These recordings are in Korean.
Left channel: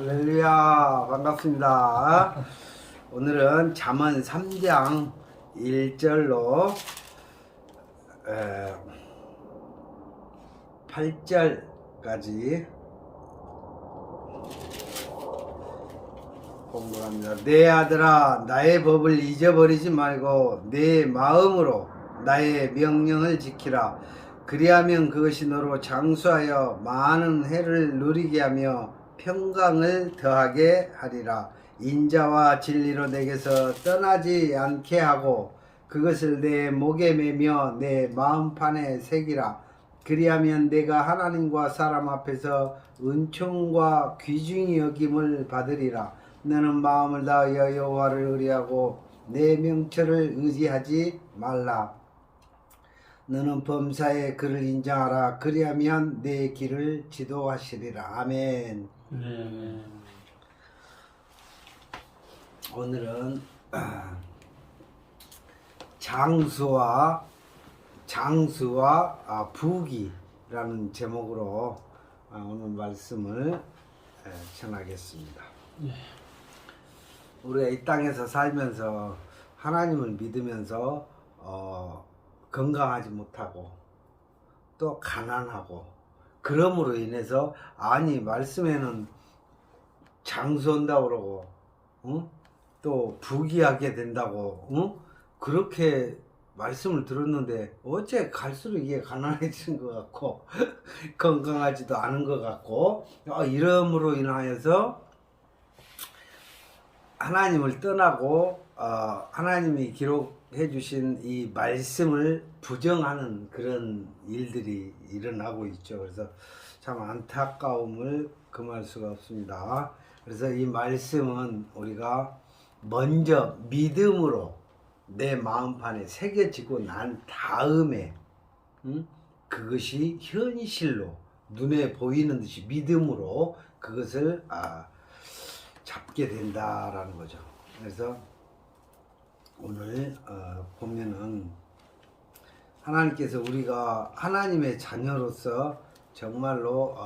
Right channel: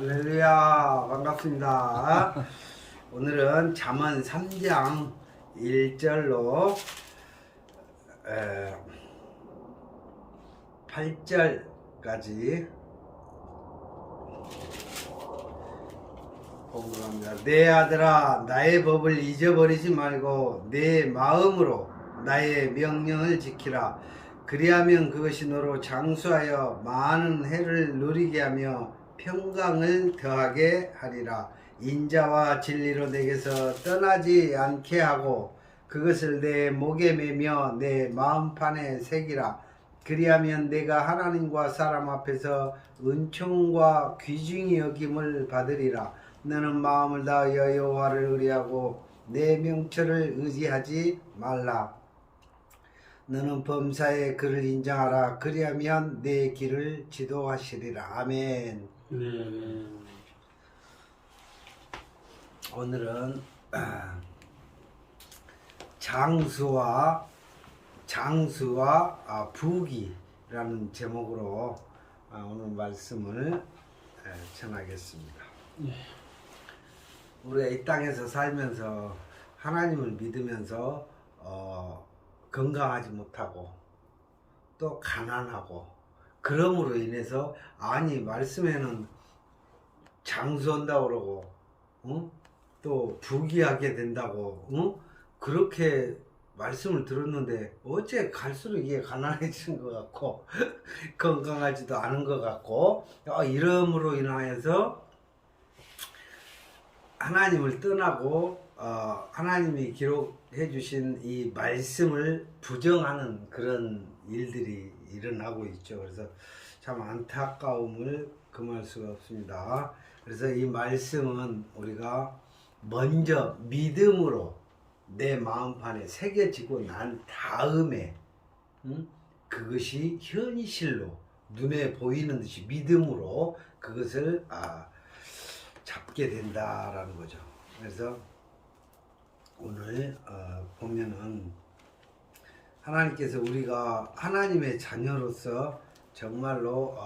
할렐루야, 반갑습니다. 오늘은 잠언 3장 1절로 8절까지 공부합니다. 내 아들아, 나의 법을 잊어버리지 말고 내 마음으로 나의 명령을 지키라. 그리하면 그것이 너로 장수하여 많은 해를 누리게 하며 평강을 더하게 하리라. 인자와 진리로 내게서 떠나지 않게 하고 그것을 내 목에 매며 내 마음판에 새기라. 그리하면 내가 하나님과 사람 앞에서 은총과 귀중히 여김을 받으리라. 너는 마음을 다하여 여호와를 의뢰하고 내 명철을 의지하지 말라. 너는 범사에 그를 인정하라. 그리하면 내 길을 지도하시리라. 아멘. 네. 오늘은 장수와 부귀라는 제목으로 오늘 말씀을 전하겠습니다. 네. 우리가 이 땅에서 살면서 하나님을 믿으면서 건강하지 못하고 또 가난하고 그러므로 인해서 말씀에는 장수한다고 그러고 또 부귀하게 된다고 그렇게 말씀을 들었는데 어째 갈수록 이게 가난해지는 것 같고 건강하지도 않은 것 같고 이러므로 인하여서 하나님을 떠나고 하나님이 기록해 주신 이 말씀을 부정하는 그런 일들이 일어나고 있죠. 그래서 참 안타까움을 금할 수가 없습니다. 그래서 이 말씀은 우리가 먼저 믿음으로 내 마음판에 새겨지고 난 다음에 그것이 현실로 눈에 보이는 듯이 믿음으로 그것을 잡게 된다라는 거죠. 그래서 오늘 보면은 하나님께서 우리가 하나님의 자녀로서 정말로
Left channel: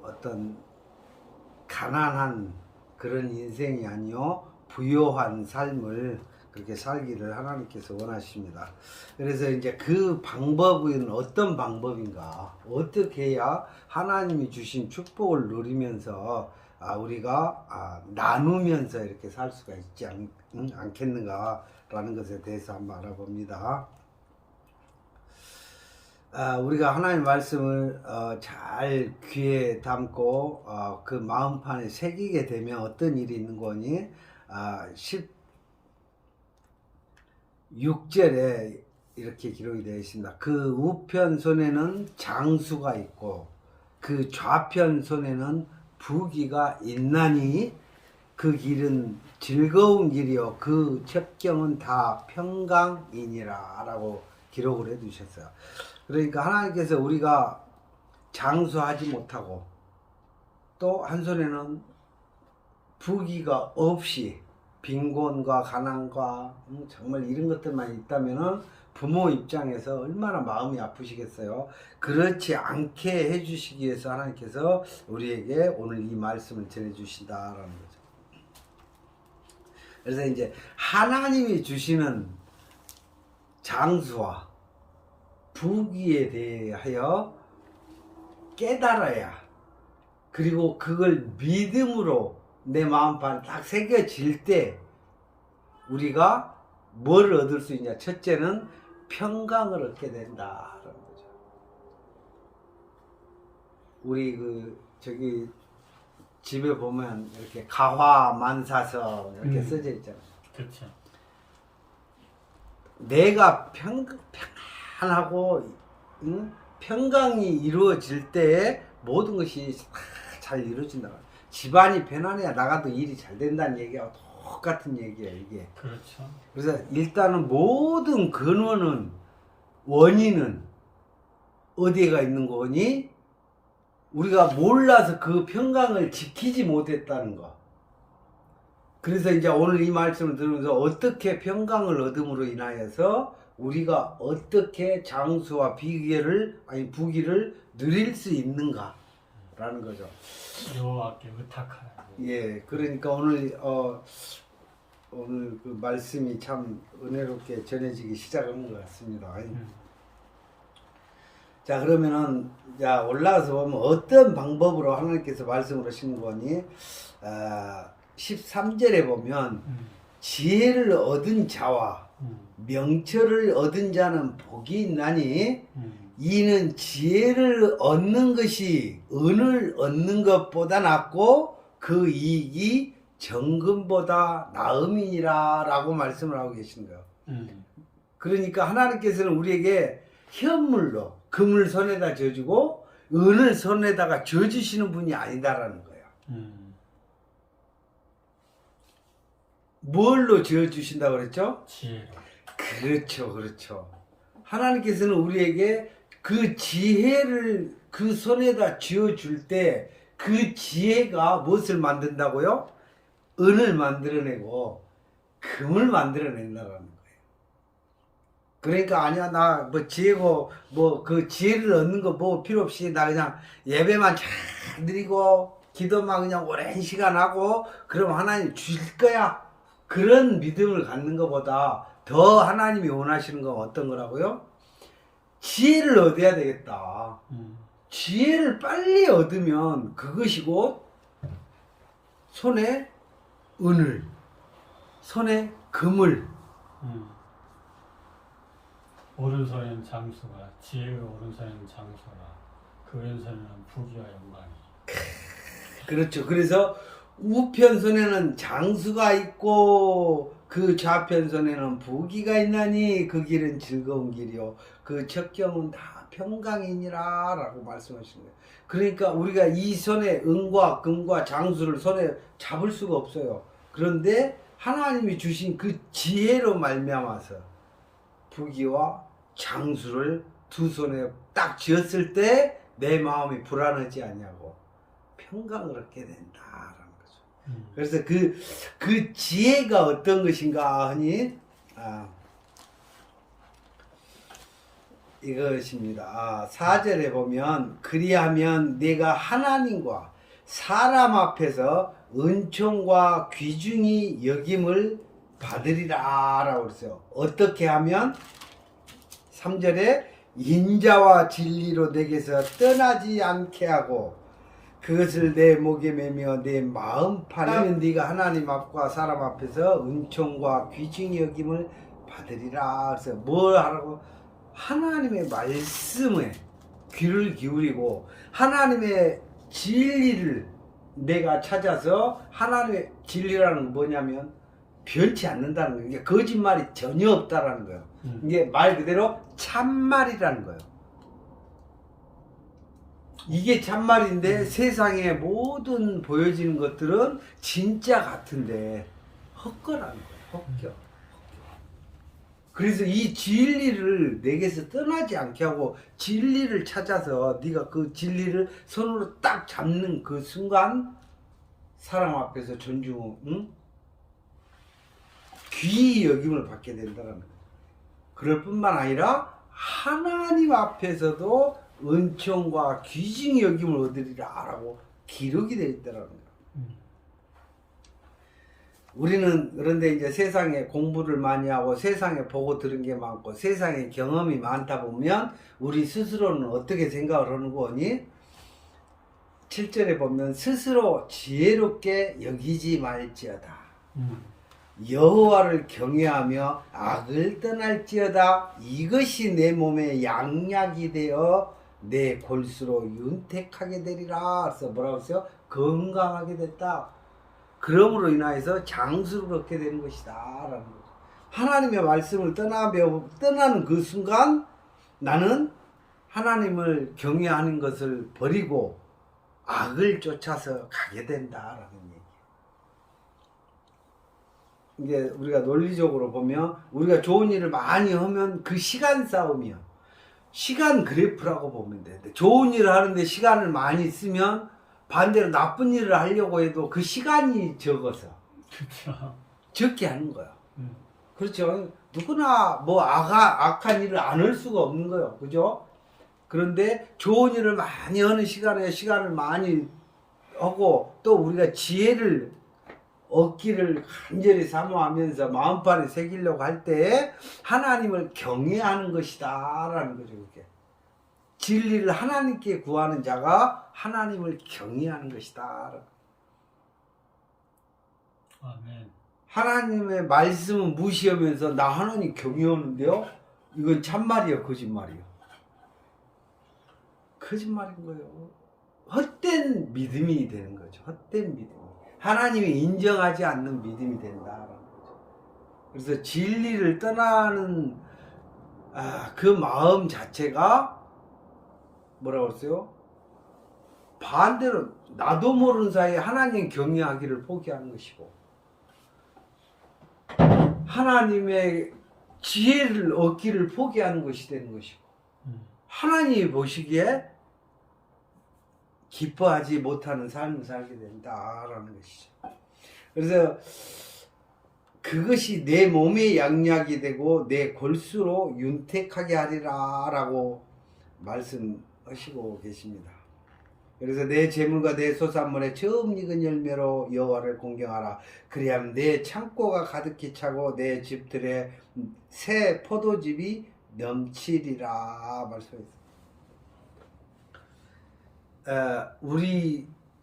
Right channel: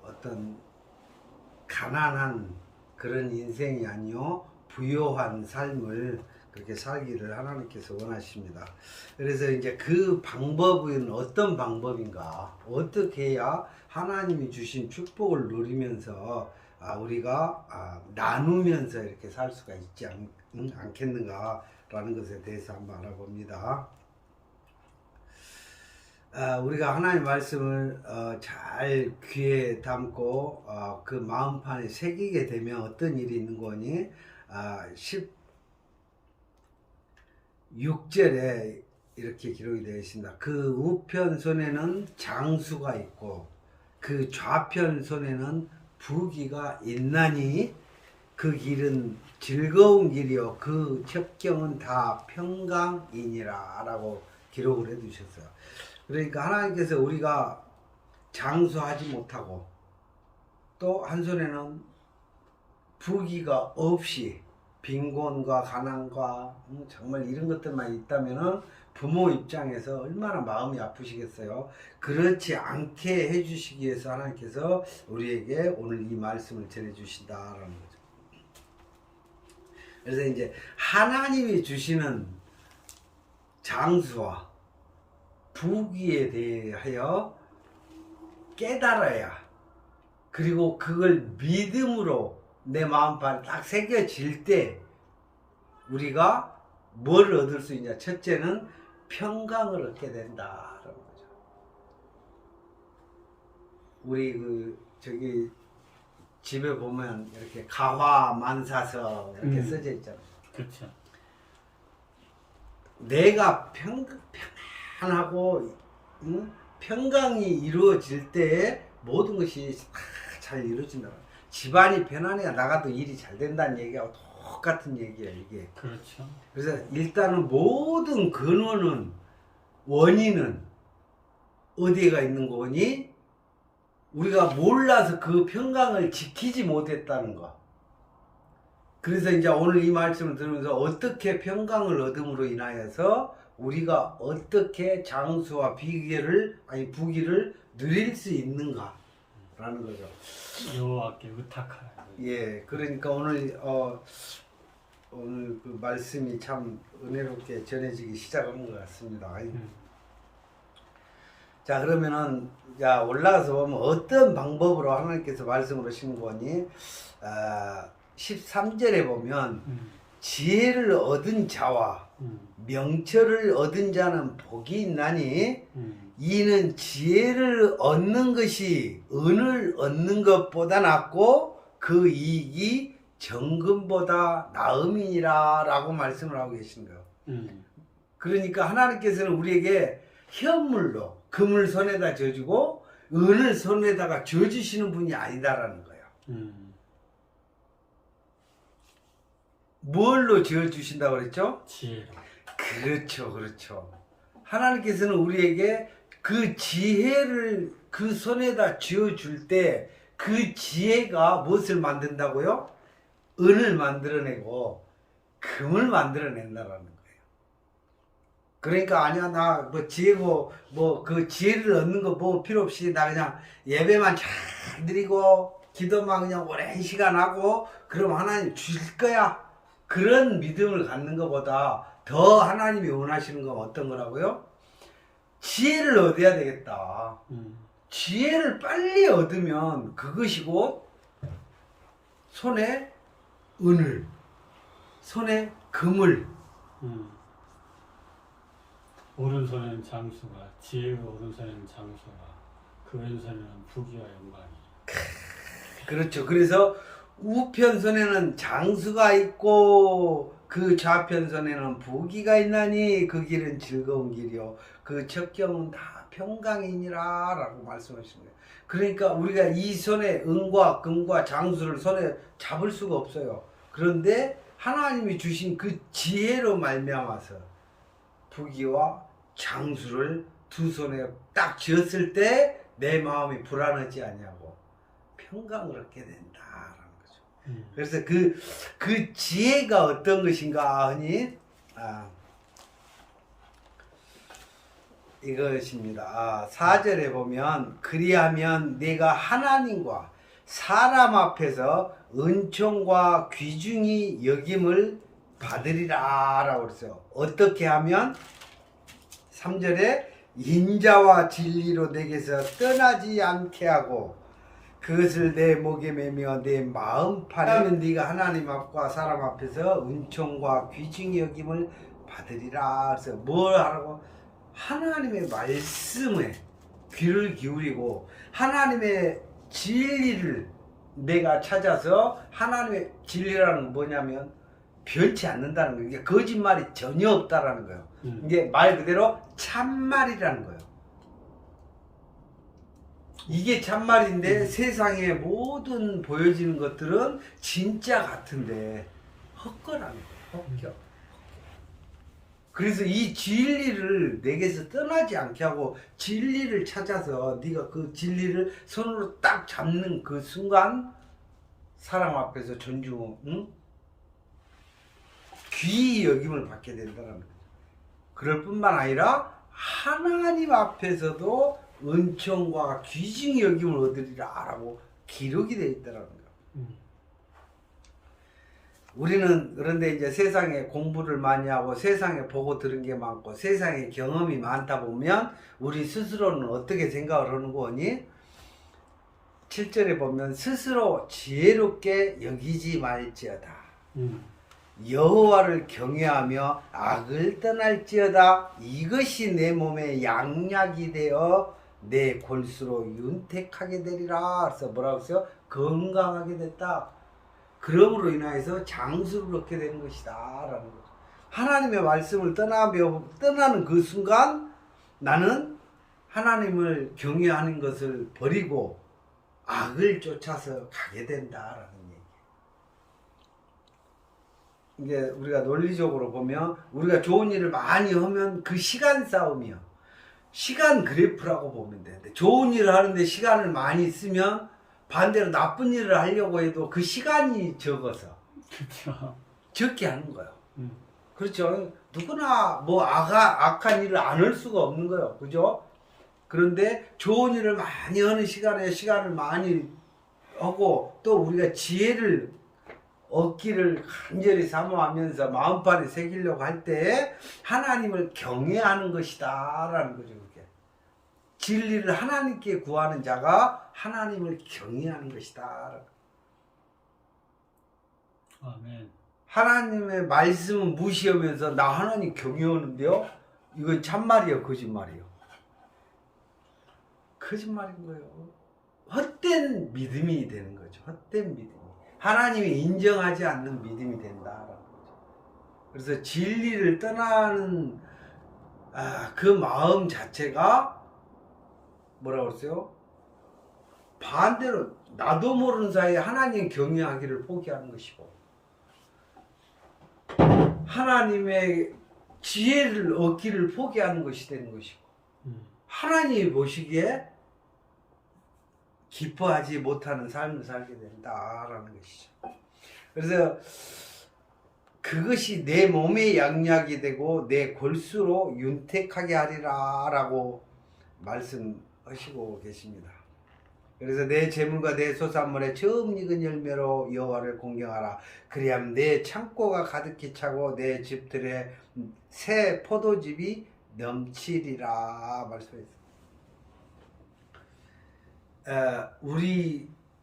어떤 가난한 그런 인생이 아니요 부요한 삶을 그렇게 살기를 하나님께서 원하십니다. 그래서 이제 그 방법은 어떤 방법인가? 어떻게 해야 하나님이 주신 축복을 누리면서 우리가 나누면서 이렇게 살 수가 있지 않겠는가라는 것에 대해서 한번 알아봅니다. 우리가 하나님의 말씀을 잘 귀에 담고 그 마음판에 새기게 되면 어떤 일이 있는 거니? 16절에 이렇게 기록이 되어 있습니다. 그 우편 손에는 장수가 있고 그 좌편 손에는 부귀가 있나니 그 길은 즐거운 길이요 그 첩경은 다 평강이니라 라고 기록을 해 두셨어요. 그러니까 하나님께서 우리가 장수하지 못하고 또 한 손에는 부귀가 없이 빈곤과 가난과 정말 이런 것들만 있다면은 부모 입장에서 얼마나 마음이 아프시겠어요. 그렇지 않게 해주시기 위해서 하나님께서 우리에게 오늘 이 말씀을 전해주신다라는 거죠. 그래서 이제 하나님이 주시는 장수와 부귀에 대하여 깨달아야, 그리고 그걸 믿음으로 내 마음판에 딱 새겨질 때 우리가 뭘 얻을 수 있냐? 첫째는 평강을 얻게 된다라는 거죠. 우리 저기 집에 보면 이렇게 가화만사서 이렇게 써져 있잖아요. 그렇죠. 내가 평안하고 평강이 이루어질 때에 모든 것이 잘 이루어진다. 집안이 편안해야 나가도 일이 잘 된다는 얘기하고 똑같은 얘기예요, 이게. 그렇죠. 그래서 일단은 모든 근원은, 원인은 어디가 있는 거니? 우리가 몰라서 그 평강을 지키지 못했다는 거. 그래서 이제 오늘 이 말씀을 들으면서 어떻게 평강을 얻음으로 인하여서 우리가 어떻게 장수와 부귀를 누릴 수 있는가, 라는 거죠. 여호와께 의탁하라. 예, 그러니까 오늘 오늘 그 말씀이 참 은혜롭게 전해지기 시작한 것 같습니다. 자, 그러면은 자 올라가서 보면 어떤 방법으로 하나님께서 말씀을 하시는 거니? 13절에 보면 지혜를 얻은 자와 명철을 얻은 자는 복이 있나니 이는 지혜를 얻는 것이 은을 얻는 것보다 낫고 그 이익이 정금보다 나음이니라 라고 말씀을 하고 계신 거예요. 그러니까 하나님께서는 우리에게 현물로 금을 손에다 져주고 은을 손에다가 져주시는 분이 아니다라는 거예요. 뭘로 져주신다고 그랬죠? 지혜로. 그렇죠, 그렇죠. 하나님께서는 우리에게 그 지혜를 그 손에다 쥐어줄 때 그 지혜가 무엇을 만든다고요? 은을 만들어내고 금을 만들어낸다라는 거예요. 그러니까 아니야 나 뭐 지혜고 뭐 그 지혜를 얻는 거 뭐 필요 없이 나 그냥 예배만 잘 드리고 기도만 그냥 오랜 시간 하고 그럼 하나님 주실 거야. 그런 믿음을 갖는 것보다 더 하나님이 원하시는 건 어떤 거라고요? 지혜를 얻어야 되겠다. 지혜를 빨리 얻으면 그것이 곧 손에 은을, 손에 금을. 오른손에는 장수가, 지혜의 오른손에는 장수가, 그 왼손에는 부귀와 영광이. 그렇죠. 그래서 우편손에는 장수가 있고 그 좌편손에는 부귀가 있나니 그 길은 즐거운 길이요 그 첩경은 다 평강이니라 라고 말씀하신 거예요. 그러니까 우리가 이 손에 은과 금과 장수를 손에 잡을 수가 없어요. 그런데 하나님이 주신 그 지혜로 말미암아서 부귀와 장수를 두 손에 딱 쥐었을 때 내 마음이 불안하지 않냐고 평강을 얻게 된다라는 거죠. 그래서 그 지혜가 어떤 것인가 하니 이것입니다. 4절에 보면 그리하면 내가 하나님과 사람 앞에서 은총과 귀중히 여김을 받으리라 라고 그랬어요. 어떻게 하면 3절에 인자와 진리로 내게서 떠나지 않게 하고 그것을 내 목에 매며 내 마음판에 하면 네가 하나님 앞과 사람 앞에서 은총과 귀중히 여김을 받으리라. 그래서 뭘 하라고? 하나님의 말씀에 귀를 기울이고 하나님의 진리를 내가 찾아서 하나님의 진리라는 건 뭐냐면 변치 않는다는 거예요. 이게 거짓말이 전혀 없다라는 거예요. 이게 말 그대로 참말이라는 거예요. 이게 참말인데 세상에 모든 보여지는 것들은 진짜 같은데 헛거라는 거예요. 헛겨. 그래서 이 진리를 내게서 떠나지 않게 하고 진리를 찾아서 네가 그 진리를 손으로 딱 잡는 그 순간 사람 앞에서 존중, 귀히 여김을 받게 된다는 거죠. 그럴 뿐만 아니라 하나님 앞에서도 은총과 귀중히 여김을 얻으리라 라고 기록이 되어 있다는 거예요. 우리는 그런데 이제 세상에 공부를 많이 하고 세상에 보고 들은 게 많고 세상에 경험이 많다 보면 우리 스스로는 어떻게 생각을 하는 거니? 7절에 보면 스스로 지혜롭게 여기지 말지어다. 여호와를 경외하며 악을 떠날지어다. 이것이 내 몸에 양약이 되어 내 골수로 윤택하게 되리라. 그래서 뭐라고 했어요? 건강하게 됐다. 그러므로 인하여서 장수를 얻게 되는 것이다 라는 거죠. 하나님의 말씀을 떠나는 그 순간 나는 하나님을 경외하는 것을 버리고 악을 쫓아서 가게 된다라는 얘기예요. 이게 우리가 논리적으로 보면 우리가 좋은 일을 많이 하면 그 시간 싸움이요. 시간 그래프라고 보면 돼. 좋은 일을 하는데 시간을 많이 쓰면 반대로 나쁜 일을 하려고 해도 그 시간이 적어서 그렇죠. 적게 하는 거예요. 그렇죠. 누구나 뭐 악한 일을 안 할 수가 없는 거예요. 그죠? 그런데 좋은 일을 많이 하는 시간에 시간을 많이 하고 또 우리가 지혜를 얻기를 간절히 사모하면서 마음판에 새기려고 할 때 하나님을 경외하는 것이다 라는 거죠. 그게 진리를 하나님께 구하는 자가 하나님을 경외하는 것이다. 아멘. 하나님의 말씀을 무시하면서 나 하나님 경외하는데요, 이건 참말이에요, 거짓말이에요? 거짓말인 거예요. 헛된 믿음이 되는 거죠. 헛된 믿음. 하나님이 인정하지 않는 믿음이 된다. 그래서 진리를 떠나는 그 마음 자체가 뭐라고 그랬어요? 반대로 나도 모르는 사이에 하나님 경외하기를 포기하는 것이고 하나님의 지혜를 얻기를 포기하는 것이 되는 것이고 하나님이 보시기에 기뻐하지 못하는 삶을 살게 된다라는 것이죠. 그래서 그것이 내 몸의 양약이 되고 내 골수로 윤택하게 하리라 라고 말씀하시고 계십니다. 그래서 내 재물과 내 소산물의 처음 익은 열매로 여호와를 공경하라. 그리하면 내 창고가 가득히 차고 내 집들의 새 포도즙이 넘치리라 말씀했습니다.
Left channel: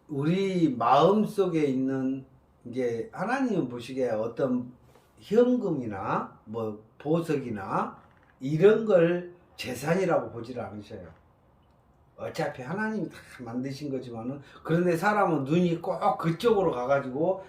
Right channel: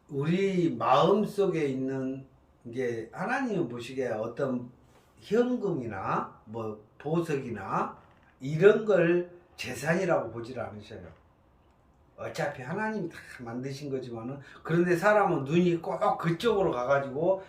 우리 마음 속에 있는 게 하나님은 보시기에 어떤 현금이나 뭐 보석이나 이런 걸 재산이라고 보질 않으셔요. 어차피 하나님이 다 만드신 거지만은 그런데 사람은 눈이 꼭 그쪽으로 가가지고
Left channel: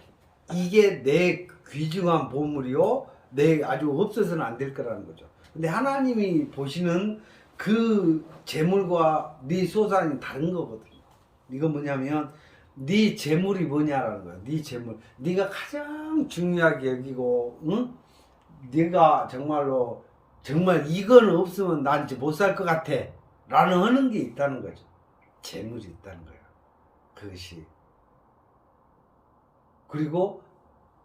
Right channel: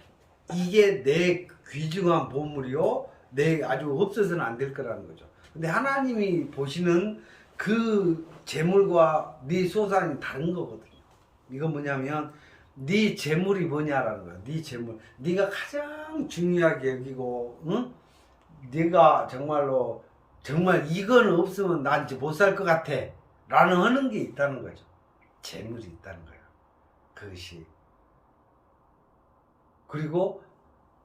이게 내 귀중한 보물이요, 내 아주 없어서는 안 될 거라는 거죠. 근데 하나님이 보시는 그 재물과 네 소산이 다른 거거든요. 이건 뭐냐면 네 재물이 뭐냐라는 거야. 네 재물, 네가 가장 중요하게 여기고, 응? 네가 정말로 정말 이거는 없으면 난 이제 못 살 것 같아 라는 하는 게 있다는 거죠. 재물이 있다는 거예요. 그것이. 그리고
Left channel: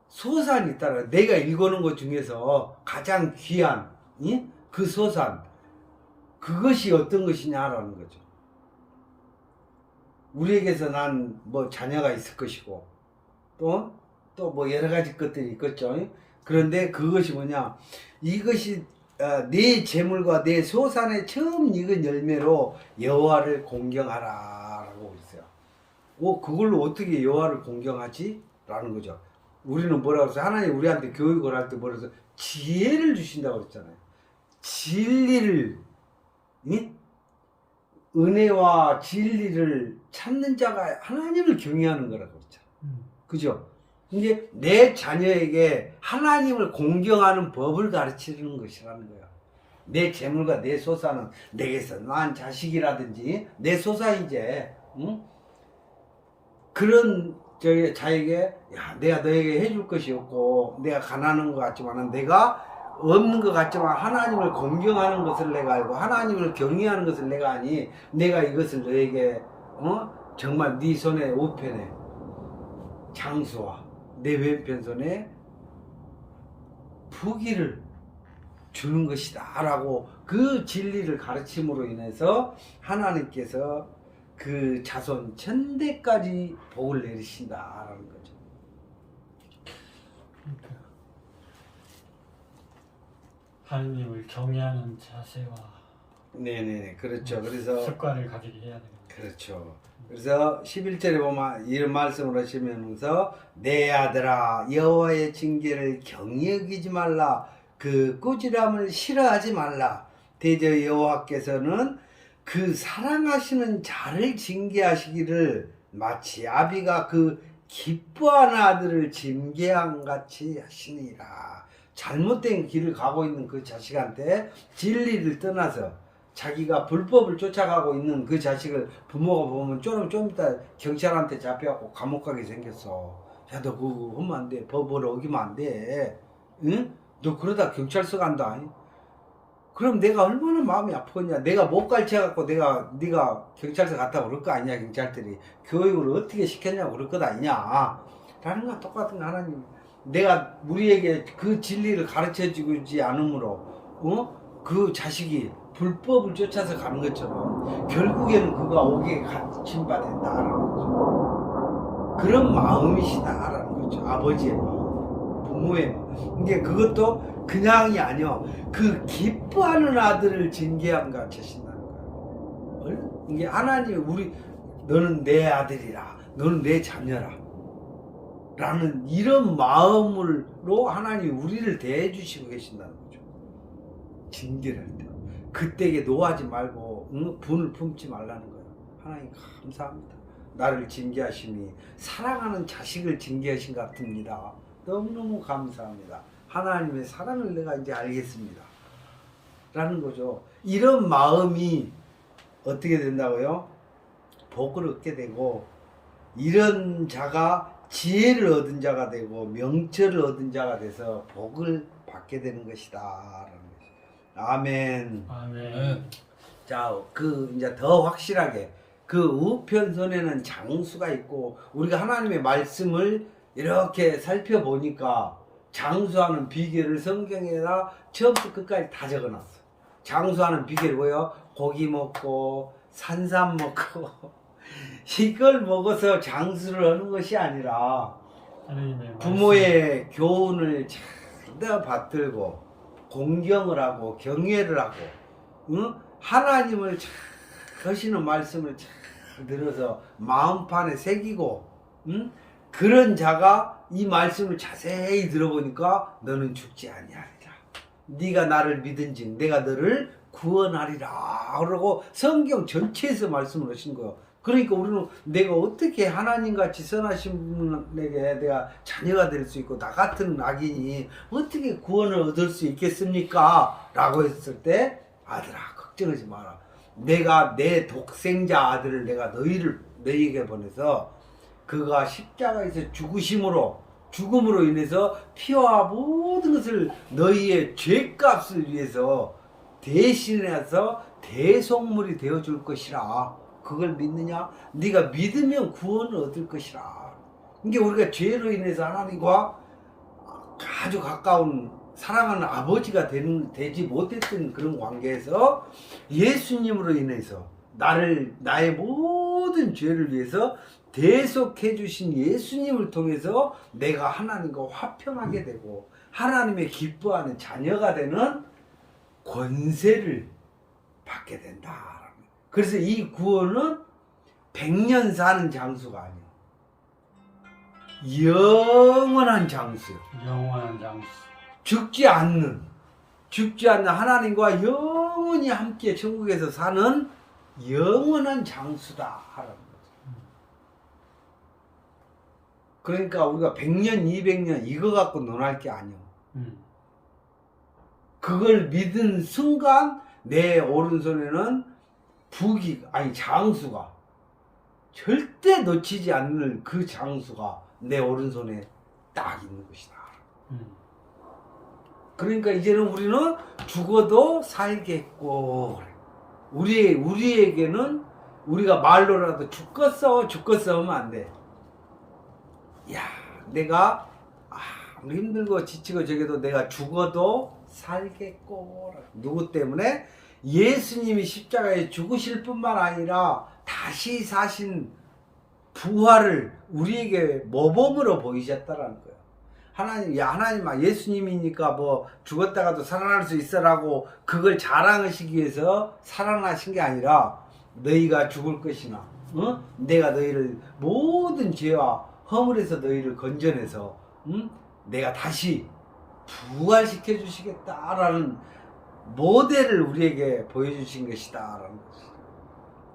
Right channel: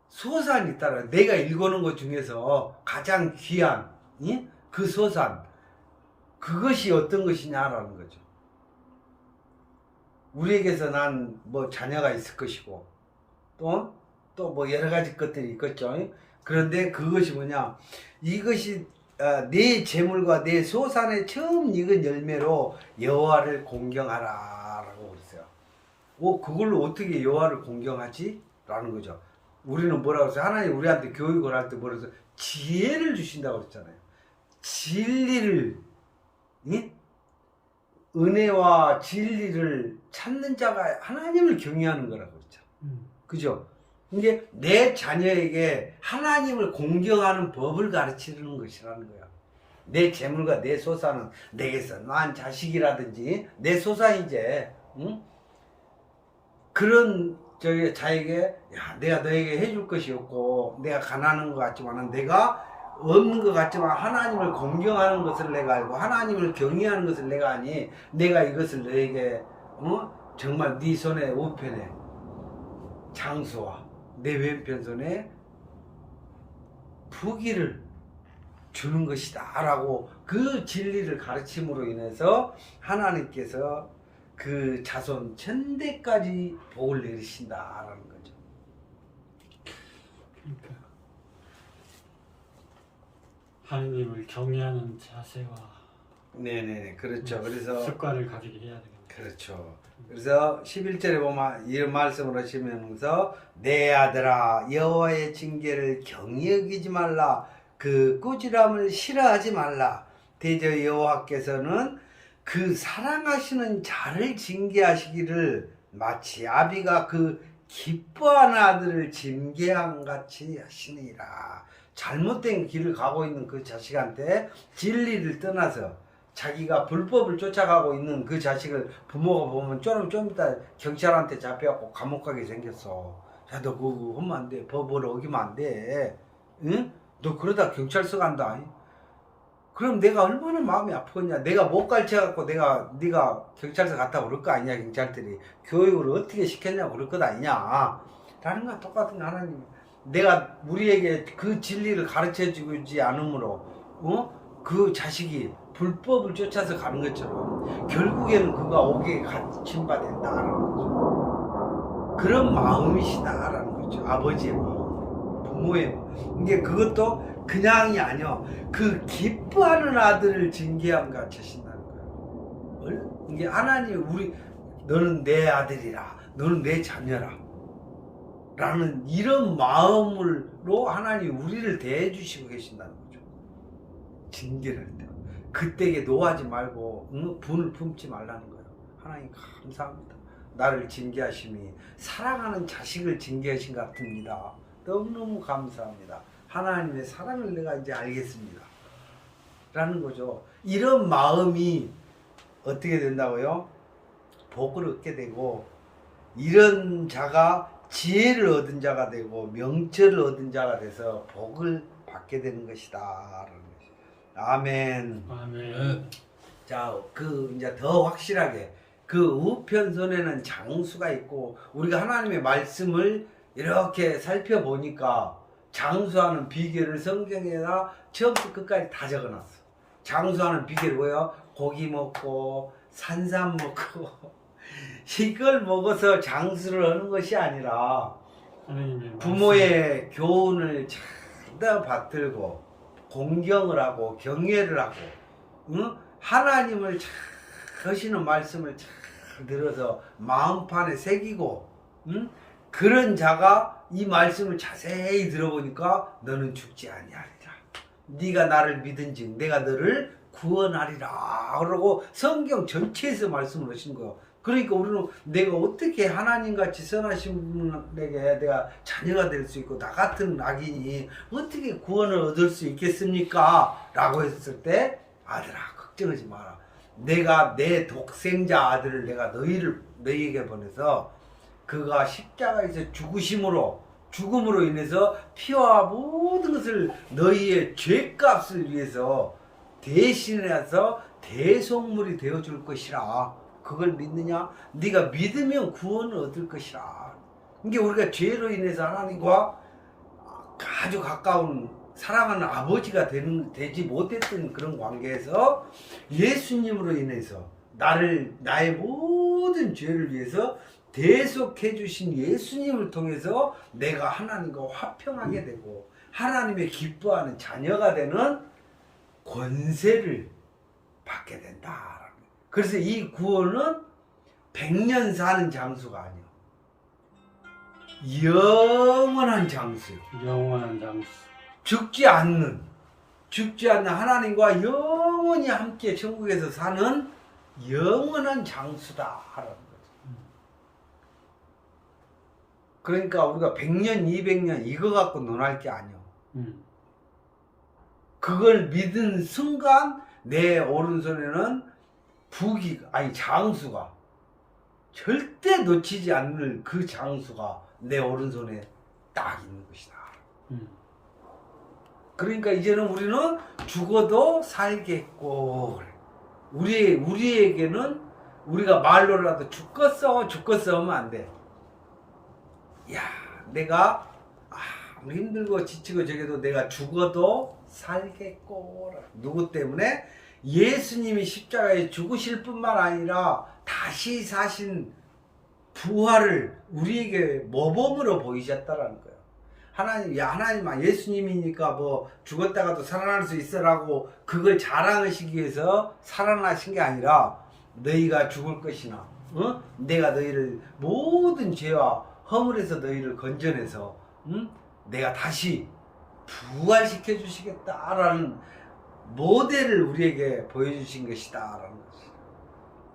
소산이 있다는 거예요. 내가 읽어놓은 것 중에서 가장 귀한 그 소산, 그것이 어떤 것이냐라는 거죠. 우리에게서 난 뭐 자녀가 있을 것이고 또 뭐 여러 가지 것들이 있겠죠. 그런데 그것이 뭐냐, 이것이 내 재물과 내 소산의 처음 익은 열매로 여호와를 공경하라 라고 그랬어요. 그걸로 어떻게 여호와를 공경하지? 라는 거죠. 우리는 뭐라고 했어요? 하나님 우리한테 교육을 할 때 뭐라고 했어요? 지혜를 주신다고 했잖아요. 진리를, 은혜와 진리를 찾는 자가 하나님을 경외하는 거라고 했잖아요. 그죠? 이게 내 자녀에게 하나님을 공경하는 법을 가르치는 것이라는 거야. 내 재물과 내 소산은 내게서 난 자식이라든지 내 소산이제, 응? 그런 자에게 내가 너에게 해줄 것이 없고 내가 가난한 것 같지만은 내가 없는 것 같지만 하나님을 공경하는 것을 내가 알고 하나님을 경외하는 것을 내가 아니, 내가 이것을 너에게 정말 네 손에 우편에 장수와 내 왼편 손에 부귀를 주는 것이다 라고 그 진리를 가르침으로 인해서 하나님께서 그 자손 천대까지 복을 내리신다라는 거죠. 그러니까 하나님을 경외하는 자세와 네네네, 그렇죠. 그래서 습관을 가지게 해야 되겠네요. 그렇죠. 그래서 11절에 보면 이런 말씀을 하시면서 내 아들아 여호와의 징계를 경히 여기지 말라, 그 꾸지람을 싫어하지 말라. 대저 여호와께서는 그 사랑하시는 자를 징계하시기를 마치 아비가 그 기뻐하는 아들을 징계함 같이 하시니라. 잘못된 길을 가고 있는 그 자식한테 진리를 떠나서 자기가 불법을 쫓아가고 있는 그 자식을 부모가 보면 좀 이따 경찰한테 잡혀갖고 감옥 가게 생겼어. 야, 너 그거 하면 안 돼. 법을 어기면 안 돼. 응? 너 그러다 경찰서 간다. 그럼 내가 얼마나 마음이 아프겠냐. 내가 못 가르쳐갖고 네가 경찰서 갔다고 그럴 거 아니냐. 경찰들이 교육을 어떻게 시켰냐고 그럴 것 아니냐 라는 건 똑같은 거. 하나님 내가 우리에게 그 진리를 가르쳐주지 않으므로 그 자식이 불법을 쫓아서 가는 것처럼 결국에는 그가 옥에 갇힌바 된다라는 거죠. 그런 마음이시다라는 거죠. 아버지의 마음, 부모의 마음. 이게 그것도 그냥이 아니요. 그 기뻐하는 아들을 징계함 같이 하신다는 거예요. 이게 하나님 너는 내 아들이라, 너는 내 자녀라 라는 이런 마음으로 하나님 우리를 대해 주시고 계신다는 거죠. 징계를 할 때. 그때에 노하지 말고 분을 품지 말라는 거예요. 하나님 감사합니다. 나를 징계하심이 사랑하는 자식을 징계하신 것 같습니다. 너무너무 감사합니다. 하나님의 사랑을 내가 이제 알겠습니다. 라는 거죠. 이런 마음이 어떻게 된다고요? 복을 얻게 되고, 이런 자가 지혜를 얻은 자가 되고 명철을 얻은 자가 돼서 복을 받게 되는 것이다 라는 것이. 아멘. 아멘. 자, 이제 더 확실하게 그 우편손에는 장수가 있고, 우리가 하나님의 말씀을 이렇게 살펴보니까 장수하는 비결을 성경에다 처음부터 끝까지 다 적어놨어. 장수하는 비결이 뭐예요? 고기 먹고 산삼 먹고 이걸 먹어서 장수를 하는 것이 아니라 부모의 교훈을 잘 받들고 공경을 하고 경외를 하고, 응? 하나님을 잘 하시는 말씀을 잘 들어서 마음판에 새기고, 응? 그런 자가 이 말씀을 자세히 들어보니까 너는 죽지 아니하리라. 네가 나를 믿은즉 내가 너를 구원하리라. 그러고 성경 전체에서 말씀을 하신 거예요. 그러니까 우리는 내가 어떻게 하나님같이 선하신 분에게 내가 자녀가 될 수 있고 나 같은 악인이 어떻게 구원을 얻을 수 있겠습니까? 라고 했을 때, 아들아 걱정하지 마라. 내가 내 독생자 아들을 내가 너희에게 보내서 그가 십자가에서 죽음으로 인해서 피와 모든 것을 너희의 죄값을 위해서 대신해서 대속물이 되어줄 것이라. 그걸 믿느냐? 네가 믿으면 구원을 얻을 것이라. 이게 우리가 죄로 인해서 하나님과 아주 가까운 사랑하는 아버지가 되지 못했던 그런 관계에서 예수님으로 인해서 나의 모든 죄를 위해서 대속해 주신 예수님을 통해서 내가 하나님과 화평하게 되고 하나님의 기뻐하는 자녀가 되는 권세를 받게 된다. 그래서 이 구원은 100년 사는 장수가 아니야. 영원한 장수요. 영원한 장수. 죽지 않는 하나님과 영원히 함께 천국에서 사는 영원한 장수다 하라는 거죠. 그러니까 우리가 100년, 200년 이거 갖고 논할 게 아니야. 그걸 믿은 순간 내 오른손에는 장수가 절대 놓치지 않는 그 장수가 내 오른손에 딱 있는 것이다. 그러니까 이제는 우리는 죽어도 살겠고, 우리에게는 우리가 말로라도 죽겠어 하면 안 돼. 야, 내가 아무리 힘들고 지치고 저게도 내가 죽어도 살겠고. 누구 때문에? 예수님이 십자가에 죽으실 뿐만 아니라 다시 사신 부활을 우리에게 모범으로 보이셨다라는 거예요. 하나님, 예수님이니까 뭐 죽었다가도 살아날 수 있어라고 그걸 자랑하시기 위해서 살아나신 게 아니라 너희가 죽을 것이나, 내가 너희를 모든 죄와 허물에서 너희를 건져내서, 내가 다시 부활시켜 주시겠다라는 모델을 우리에게 보여주신 것이다라는 것이죠.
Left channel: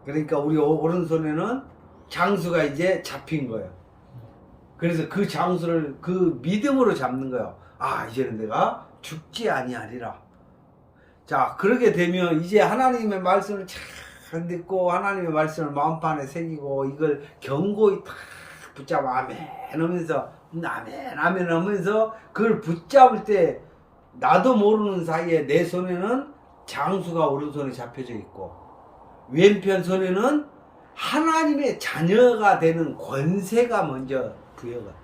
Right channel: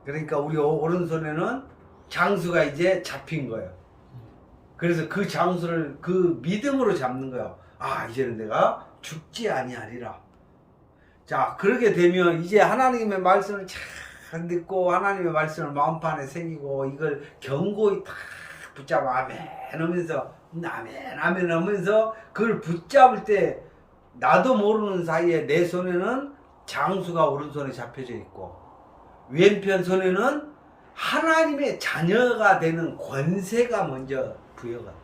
그러니까 우리 오른손에는 장수가 이제 잡힌 거예요. 그래서 그 장수를 그 믿음으로 잡는 거예요. 이제는 내가 죽지 아니하리라. 자, 그렇게 되면 이제 하나님의 말씀을 잘 듣고 하나님의 말씀을 마음판에 새기고 이걸 견고히 탁 붙잡아 아멘 하면서 아멘 하면서 그걸 붙잡을 때 나도 모르는 사이에 내 손에는 장수가 오른손에 잡혀져 있고 왼편 손에는 하나님의 자녀가 되는 권세가 먼저 부여가 돼.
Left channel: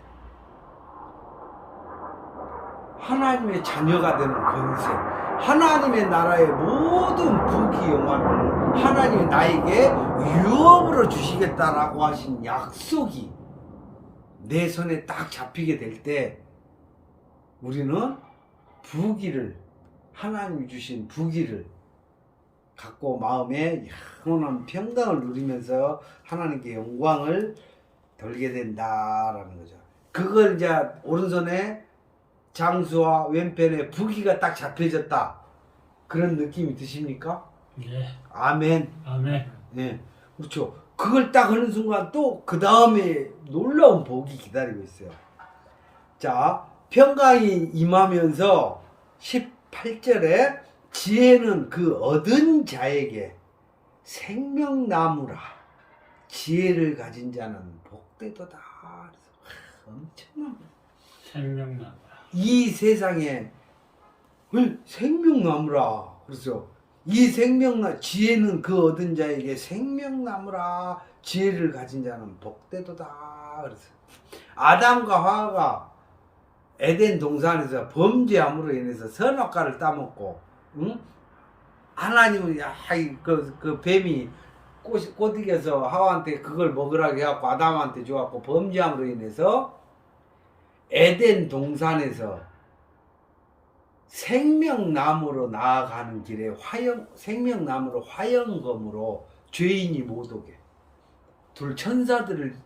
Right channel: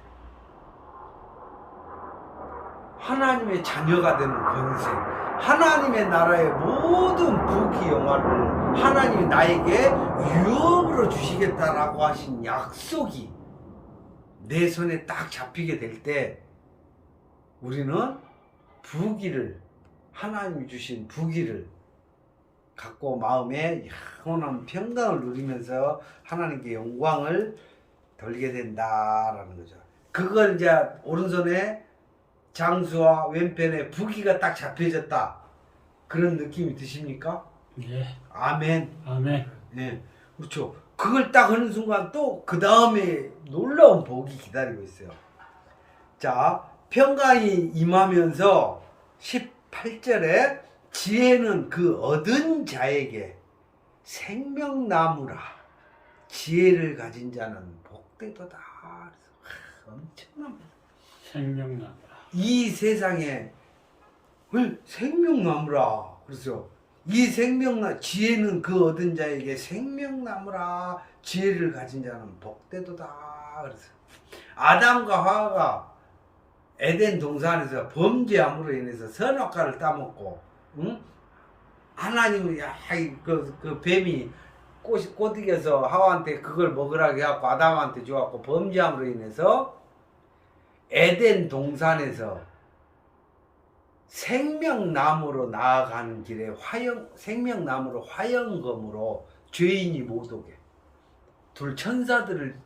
하나님의 자녀가 되는 권세, 하나님의 나라의 모든 부귀 영화를 하나님이 나에게 유업으로 주시겠다라고 하신 약속이 내 손에 딱 잡히게 될 때 우리는 부귀를, 하나님이 주신 부귀를 갖고 마음에 영원한 평강을 누리면서 하나님께 영광을 돌게 된다라는 거죠. 그걸 이제 오른손에 장수와 왼편에 부귀가 딱 잡혀졌다, 그런 느낌이 드십니까? 예. 아멘. 아멘. 네, 그렇죠. 그걸 딱 하는 순간 또 그 다음에 놀라운 복이 기다리고 있어요. 자, 평강이 임하면서 18절에 지혜는 그 얻은 자에게 생명나무라. 지혜를 가진 자는 복되도다. 엄청난 거예요. 생명나무라. 이 세상에 생명나무라. 그래서 이 지혜는 그 얻은 자에게 생명나무라. 지혜를 가진 자는 복되도다. 그래서 아담과 하와가 에덴 동산에서 범죄함으로 인해서 선악과를 따먹고, 응? 하나님은 그 뱀이 꼬드겨서 하와한테 그걸 먹으라고 해갖고 아담한테 줘갖고 범죄함으로 인해서 에덴 동산에서 생명나무로 나아가는 길에 생명나무로 화영검으로 죄인이 못 오게 둘 천사들을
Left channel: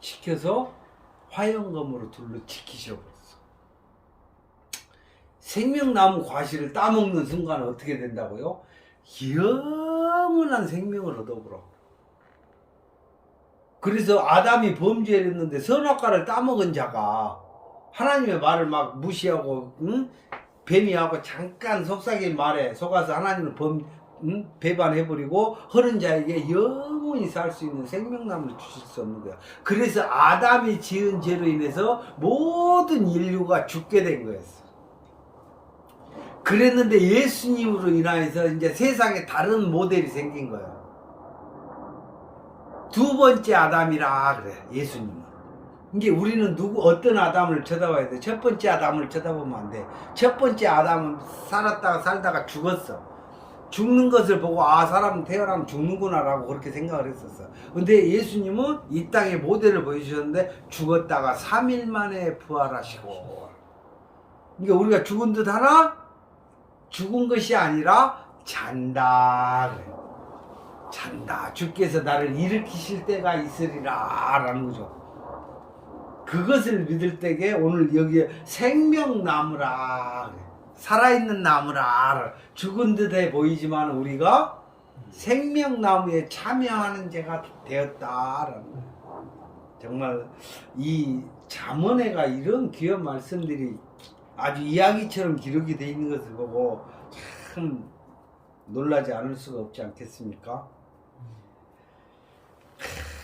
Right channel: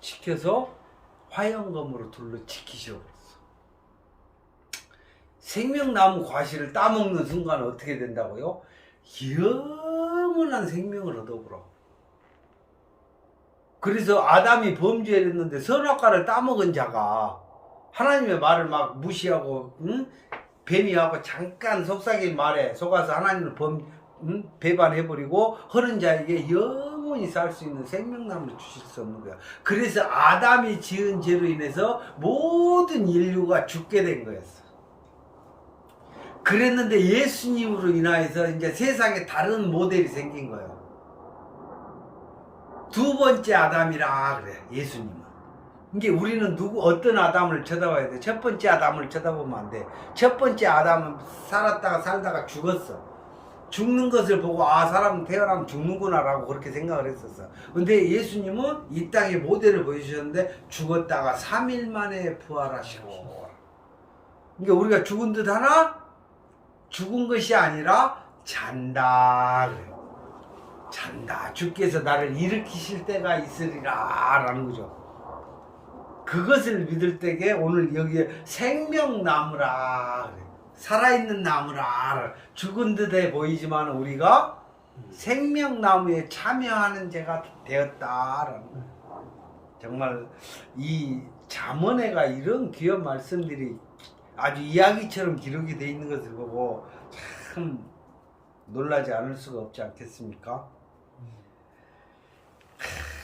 시켜서 화영검으로 둘러 지키셔버렸어. 생명나무 과실을 따먹는 순간 어떻게 된다고요? 영원한 생명을 얻어보라. 그래서 아담이 범죄를 했는데 선악과를 따먹은 자가 하나님의 말을 막 무시하고, 응? 뱀이하고 잠깐 속삭인 말에 속아서 하나님을 배반해버리고 허른 자에게 영원히 살 수 있는 생명나무를 주실 수 없는 거야. 그래서 아담이 지은 죄로 인해서 모든 인류가 죽게 된 거였어. 그랬는데 예수님으로 인하여서 이제 세상에 다른 모델이 생긴 거예요. 두 번째 아담이라 그래, 예수님은. 이게 우리는 어떤 아담을 쳐다봐야 돼? 첫 번째 아담을 쳐다보면 안 돼. 첫 번째 아담은 살다가 죽었어. 죽는 것을 보고 사람은 태어나면 죽는구나라고 그렇게 생각을 했었어. 근데 예수님은 이 땅에 모델을 보여주셨는데 죽었다가 3일 만에 부활하시고. 그러니까 우리가 죽은 듯 하나? 죽은 것이 아니라 잔다 그래. 잔다. 주께서 나를 일으키실 때가 있으리라 라는 거죠. 그것을 믿을 때에 오늘 여기에 생명나무라 그래. 살아있는 나무라. 죽은 듯해 보이지만 우리가 생명나무에 참여하는 자가 되었다라는 거예요. 정말 이 잠언에가 이런 귀한 말씀들이 아주 이야기처럼 기록이 되어 있는 것을 보고 참 놀라지 않을 수가 없지 않겠습니까?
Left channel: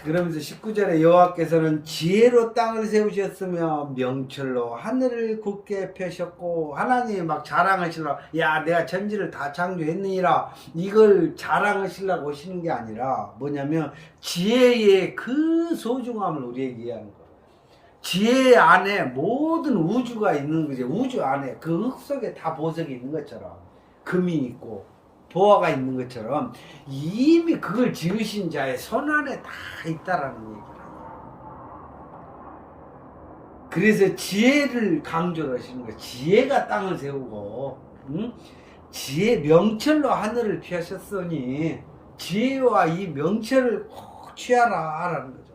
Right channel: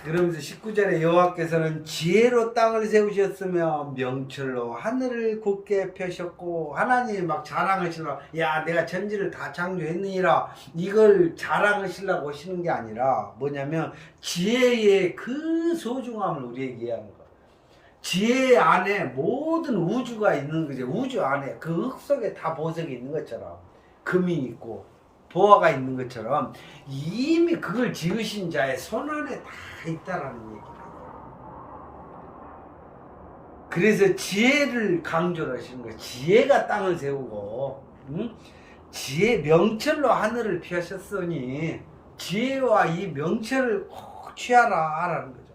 그러면서 19절에 여호와께서는 지혜로 땅을 세우셨으며 명철로 하늘을 굳게 펴셨고, 하나님이 막 자랑하시려고, 야 내가 천지를 다 창조했느니라 이걸 자랑하시려고 하시는 게 아니라 뭐냐면 지혜의 그 소중함을 우리에게 이해하는 거야. 지혜 안에 모든 우주가 있는 거죠. 우주 안에 그 흙 속에 다 보석이 있는 것처럼, 금이 있고 보화가 있는 것처럼 이미 그걸 지으신 자의 손 안에 다 있다라는 얘기예요. 그래서 지혜를 강조를 하시는 거예요. 지혜가 땅을 세우고, 응? 지혜 명철로 하늘을 피하셨으니 지혜와 이 명철을 꼭 취하라라는 거죠.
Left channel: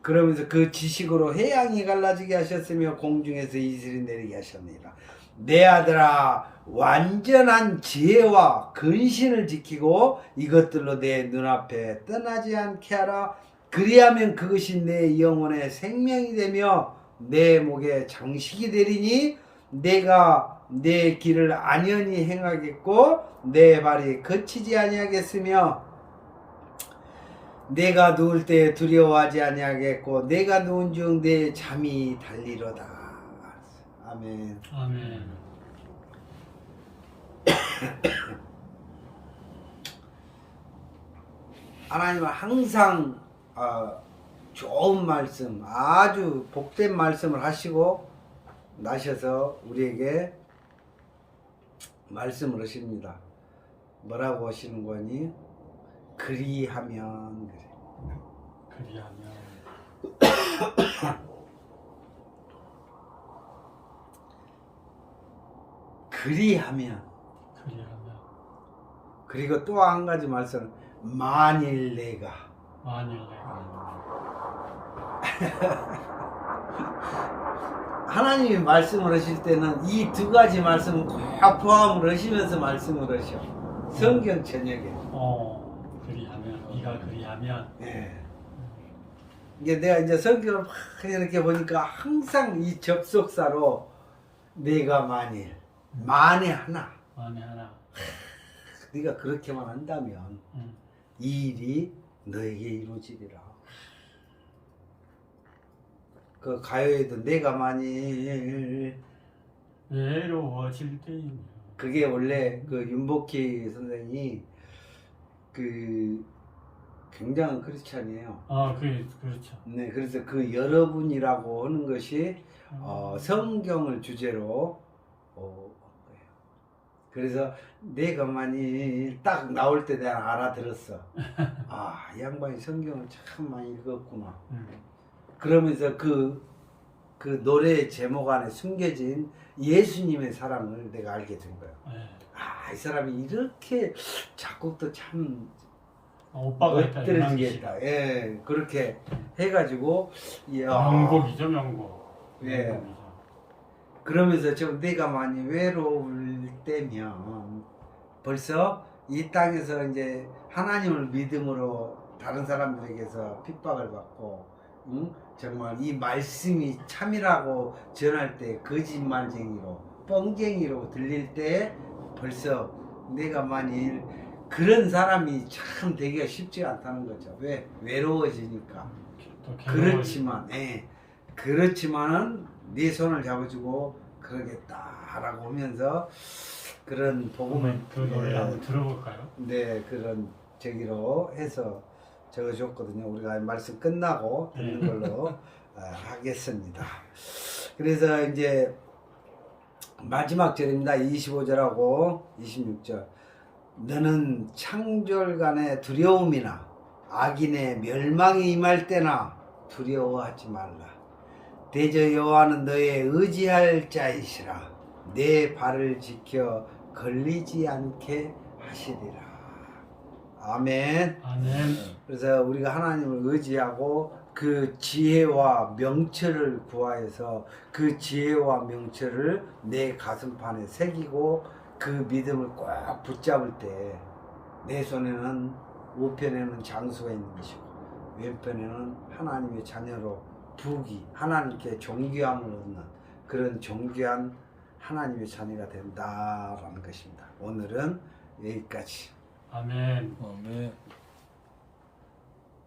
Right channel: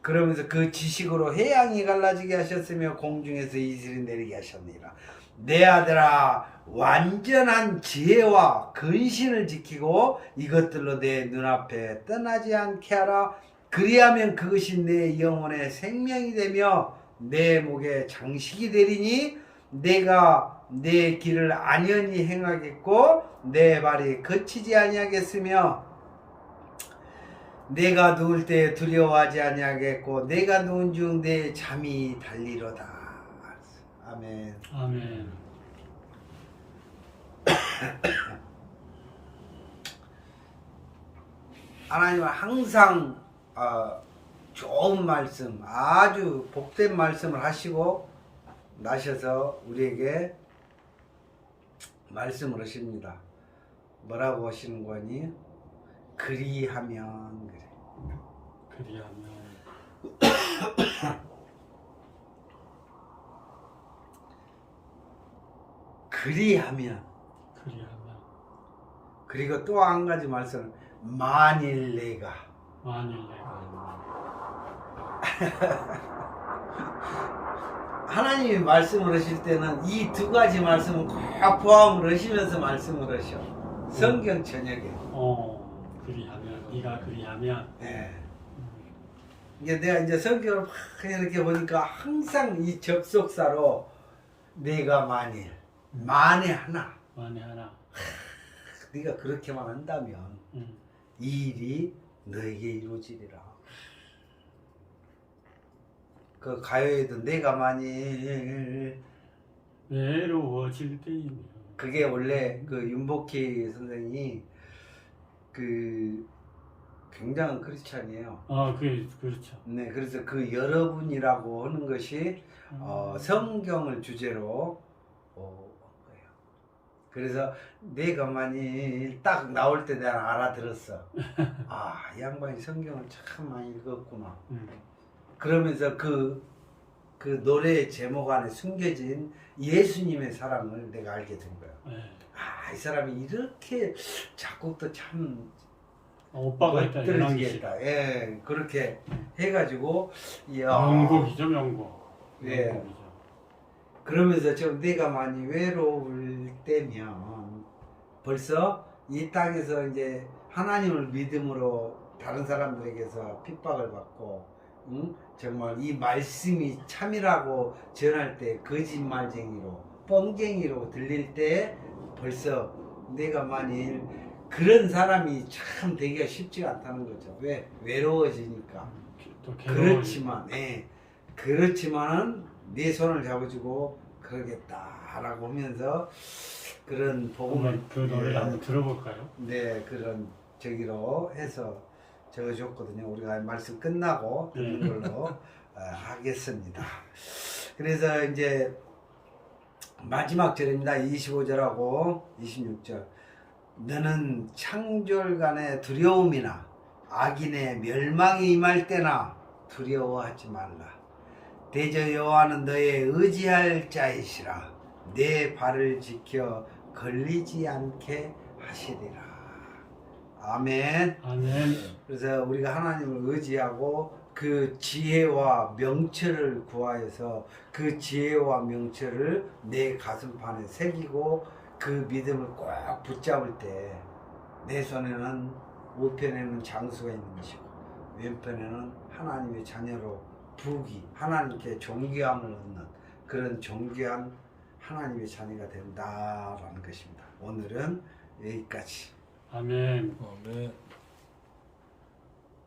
그러면서 그 지식으로 해양이 갈라지게 하셨으며 공중에서 이슬이 내리게 하셨느니라. 내 아들아, 완전한 지혜와 근신을 지키고 이것들로 내 눈앞에 떠나지 않게 하라. 그리하면 그것이 내 영혼의 생명이 되며 내 목에 장식이 되리니 내가 내 길을 안연히 행하겠고 내 발이 거치지 아니하겠으며 내가 누울 때 두려워하지 아니하겠고 내가 누운 중 내 잠이 달리로다. 아멘. 아멘. 하나님은 항상 좋은 말씀, 아주 복된 말씀을 하시고 나셔서 우리에게 말씀을 하십니다. 뭐라고 하시는 거니? 그리하면 그래. 그리하면 그리하면. 그리하면 그리고 또 한 가지 말씀은 만일 내가. 만일 내가 하나님이 말씀을 하실 때는 이 두 가지 말씀은 꼭 포함을 하시면서 말씀을 하셔. 성경 전역에. 그리하면 네가 그리하면 네. 이게 내가 이제 성경을 막 이렇게 보니까 항상 이 접속사로 내가 만일, 만에 하나, 만에 하나 네가 그렇게만 한다면 음. 이 일이 너에게 이루어지리라. 그 가요에도 내가 만일, 외로워질 때이면 그게 원래 그 윤복희 선생이 그 굉장한 크리스찬이에요. 그렇죠. 네, 그래서 그 여러분이라고 하는 것이 성경을 주제로 한 거예요. 그래서 내가 만일 딱 나올 때 내가 알아들었어. 아, 이 양반이 성경을 참 많이 읽었구나. 그러면서 그 노래의 제목 안에 숨겨진 예수님의 사랑을 내가 알게 된 거예요. 네. 아, 이 사람이 이렇게 작곡도 참 오빠가 있다. 멋들어지겠다. 예, 그렇게 해가지고, 이야. 명곡이죠, 명곡. 예. 명곡이죠. 그러면서 좀 내가 많이 외로울 때면 벌써 이 땅에서 이제 하나님을 믿음으로 다른 사람들에게서 핍박을 받고, 응? 정말 이 말씀이 참이라고 전할 때 거짓말쟁이로 뻥쟁이로 들릴 때 벌써 내가 만일 그런 사람이 참 되기가 쉽지 않다는 거죠. 왜? 외로워지니까. 또 그렇지만, 그렇지만은 네 손을 잡아주고 그러겠다라고 하면서 그런 복음을 그 노래 한번 들어볼까요? 네, 그런 저기로 해서 적어줬거든요. 우리가 말씀 끝나고 듣는 걸로 하겠습니다. 그래서 이제 마지막 절입니다. 25절하고 26절. 너는 창졸간의 두려움이나 악인의 멸망이 임할 때나 두려워하지 말라. 대저 여호와는 너의 의지할 자이시라. 내 발을 지켜 걸리지 않게 하시리라. 아멘. 아멘. 그래서 우리가 하나님을 의지하고 그 지혜와 명철을 구하여서 그 지혜와 명철을 내 가슴판에 새기고 그 믿음을 꼭 붙잡을 때 내 손에는 우편에는 장수가 있는 것이고 왼편에는 하나님의 자녀로 부귀, 하나님께 존귀함을 얻는 그런 존귀한 하나님의 자녀가 된다라는 것입니다. 오늘은 여기까지. 아멘. 아멘.